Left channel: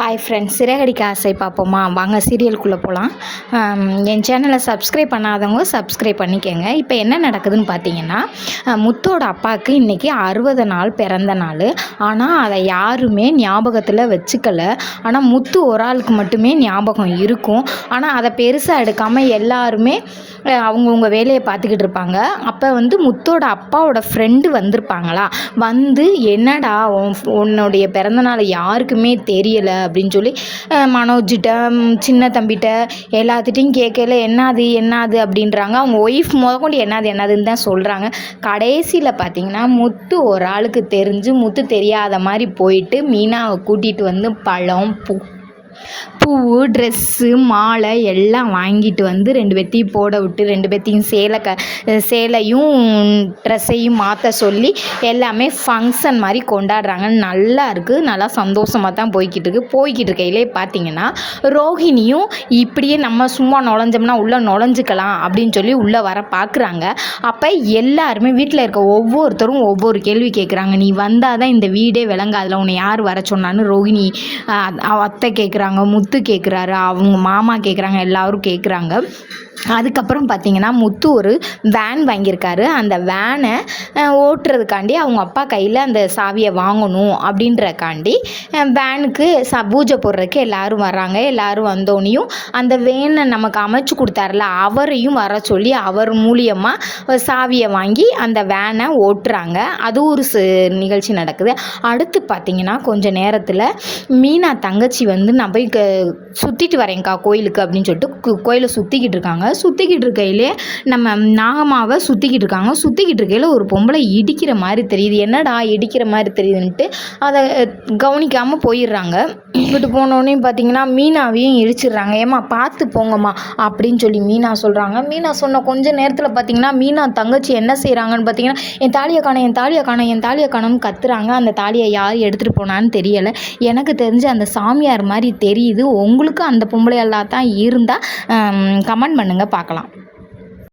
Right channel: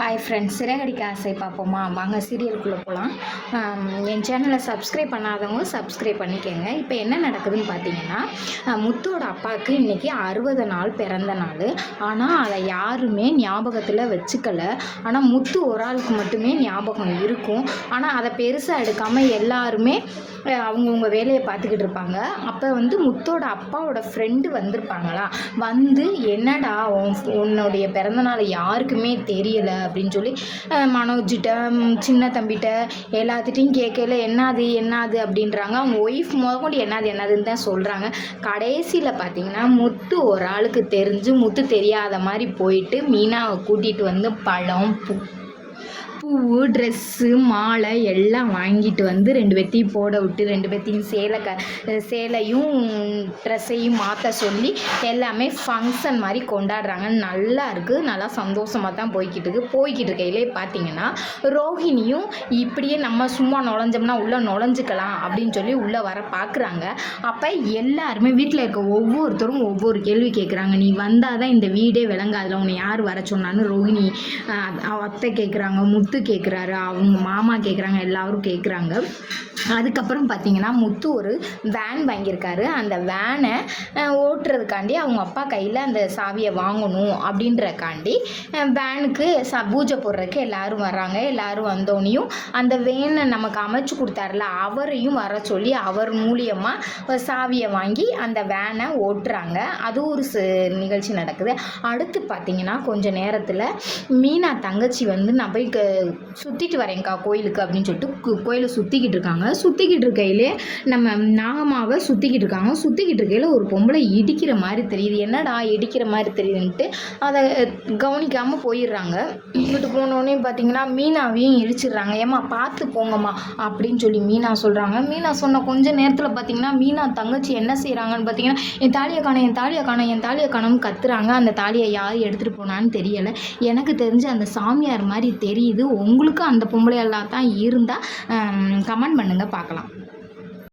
Hi friends, Siragadikka ஆசை பார்ப்போமா? வாங்க சீரியலுக்குள்ளே போகலாம். என் சேனலை சப்ஸ்கிரைப் பண்ணாதவங்க சப்ஸ்கிரைப் பண்ணிக்கோங்க. இப்போ என்ன நடக்குதுன்னு பார்த்தீங்கன்னா, முத்தோட அப்பாவுக்கு இன்றைக்கி 60 நாள் பிறந்த நாள். ஆனால் அதை யாருமே ஞாபகத்தில் வச்சுக்கல. ஆனால் முத்து ஒரு ஆளுக்கு மட்டுமே ஞாபகம் இருக்கும். ஆனால் அதை பெருசாக எடுக்காமல் எல்லாருமே அவங்கவுங்க வேலையை பார்த்துக்கிட்டு இருப்பாங்க. அப்போ முத்தோட அப்பாவோட ஃப்ரெண்டு வந்திருப்பாங்களா, வந்து என்னடா உன்னுடைய பிறந்தநாள் யாருக்குமே தெரியலை அப்படின்னு சொல்லி மனோஜிட்ட சின்ன தம்பிகிட்ட எல்லாத்துட்டையும் கேட்கல. என்னது அப்படின்றாங்க. அவங்க ஒய்ஃப் முதற்கொண்டு என்னதுன்னு தான் சொல்கிறாங்க. கடைசியில் பார்த்தீங்கன்னா முத்து ஒரு ஆளுக்கு தெரிஞ்சு முத்து தெரியாத மாதிரி போயிட்டு மீனாவை கூட்டிகிட்டு வந்து பழம் பூ ட்ரெஸ்ஸு மாலை எல்லாம் வாங்கிட்டு வந்து 2 பேத்தையும் போட விட்டு 2 பேத்தையும் சேலையும் ட்ரெஸ்ஸையும் மாற்ற சொல்லி எல்லாமே ஃபங்க்ஷன் மாதிரி கொண்டாடுறாங்க. நல்லா இருக்குது, நல்லா சந்தோஷமாக தான் போய்கிட்டு இருக்கையிலே பார்த்தீங்கன்னா ரோஹிணியும் இப்படியே நம்ம சும்மா நுழைஞ்சோம்னா உள்ளே நுழைஞ்சிக்கலாம் அப்படின்னு சொல்லி உள்ளே வர பார்க்குறாங்க. அப்போ எல்லாருமே வீட்டில் இருக்க ஒவ்வொருத்தரும் ஒவ்வொரு கேள்வி கேட்குறாங்க. நீ வந்தால் தான் இந்த வீடே விளங்காதுல, உன்னை யார் வர சொன்னான்னு ரோஹிணி அத்தை கேட்குறாங்க, முத்து கேட்குறாரு, அவங்க மாமா கேட்குறாங்க, எல்லாரும் கேட்குறாங்க. அதுக்கப்புறம் பார்த்திங்கன்னா முத்து ஒரு வேன் வாங்கியிருக்காரு. அந்த வேனை ஓட்டுறதுக்காண்டி அவங்க அப்பா கையில் அந்த சாவியை வாங்கணும் அப்படின்றக்காண்டி வேனுக்கு பூஜை போடுறதுக்கு எல்லோரும் வர்றாங்க. எல்லோரும் வந்தோடனையும் அந்த வேனை நமக்கு அமைச்சு கொடுத்தாருல அவரையும் வர சொல்லி அவர் மூலியமாக சாவியை வாங்கி அந்த வேனை ஓட்டுறாங்க. அது ஒரு நிகழ்ச்சி நடக்குது. அடுத்து பார்த்திங்கன்னா கொஞ்சம் நேரத்தில் மீனா தங்கச்சி நான் போய் சுற்றிட்டு வரேன்க்கா கோயிலுக்கு அப்படின்னு சொல்லிட்டு கோயிலை சுற்றிக்கிட்டு இருக்காங்க. சுற்றிக்கிட்டு இருக்கையிலே நம்ம நாகமாவை சுற்றிக்கிட்டு இருக்காங்க. சுற்றிக்கிட்டு இருக்கையில் ஒரு பொம்பளை இடிக்கிற மாதிரி தெரியுது. என்னடா இடிக்கிற மாதிரி தெரியுதுன்ட்டு அதை கவனிக்காமல் போயிடுறாங்க. இங்கிட்டு போனோடனே பார்த்தீங்கன்னா மீனாவையும் இடிச்சிடுறாங்க. ஏம்மா பார்த்து போங்கம்மா அப்படின்னு சொல்லி மீனா சொல்கிறாங்க. மீனா சொன்ன கொஞ்ச நேரத்தில் பார்த்தீங்கன்னா மீனா தங்கச்சி என்ன செய்கிறாங்கன்னு பார்த்தீங்கன்னா என் தாலியை காணோம்னு கத்துறாங்க. அந்த தாலியை யார் எடுத்துகிட்டு போனான்னு தெரியலை. எனக்கு தெரிஞ்சு அந்த சாமியார் மாதிரி தெரியுது. உங்களுக்கு அந்த பொம்பளையெல்லாம் தான் இருந்தால் கமெண்ட் பண்ணுங்கள், பார்க்கலாம்.